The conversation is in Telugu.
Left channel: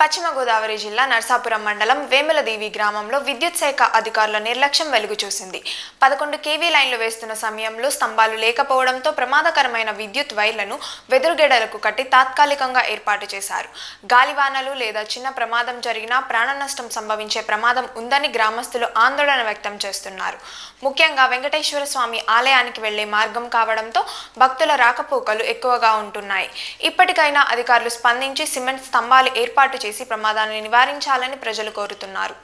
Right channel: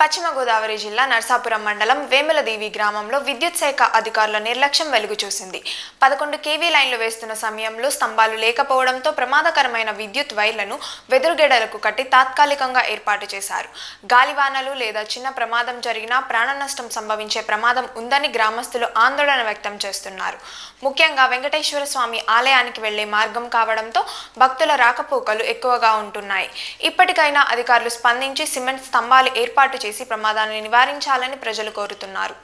పశ్చిమ గోదావరి జిల్లా నర్సాపురం మండలం వేములదేవి గ్రామంలో విద్యుత్ శాఖ అధికారుల నిర్లక్ష్యం వెలుగు చూసింది. 11 కేవీ లైన్లు వేస్తున్న సమయంలో స్తంభాలు లేకపోవడంతో ప్రమాదకరమైన విద్యుత్ వైర్లను వెదురుగెడలకు కట్టి తాత్కాలికంగా ఏర్పాటు చేశారు. గాలివానలు లేదా చిన్న ప్రమాదం జరిగినా ప్రాణ నష్టం సంభవించే ప్రమాదం ఉందని గ్రామస్తులు ఆందోళన వ్యక్తం చేస్తున్నారు. ముఖ్యంగా వెంకటేశ్వర స్వామి ఆలయానికి వెళ్లే మార్గం కావడంతో భక్తుల రాకపోకలు ఎక్కువగా ఉంటున్నాయి. ఇప్పటికైనా అధికారులు స్పందించి సిమెంట్ స్తంభాలు ఏర్పాటు చేసి ప్రమాదాన్ని నివారించాలని ప్రజలు కోరుతున్నారు.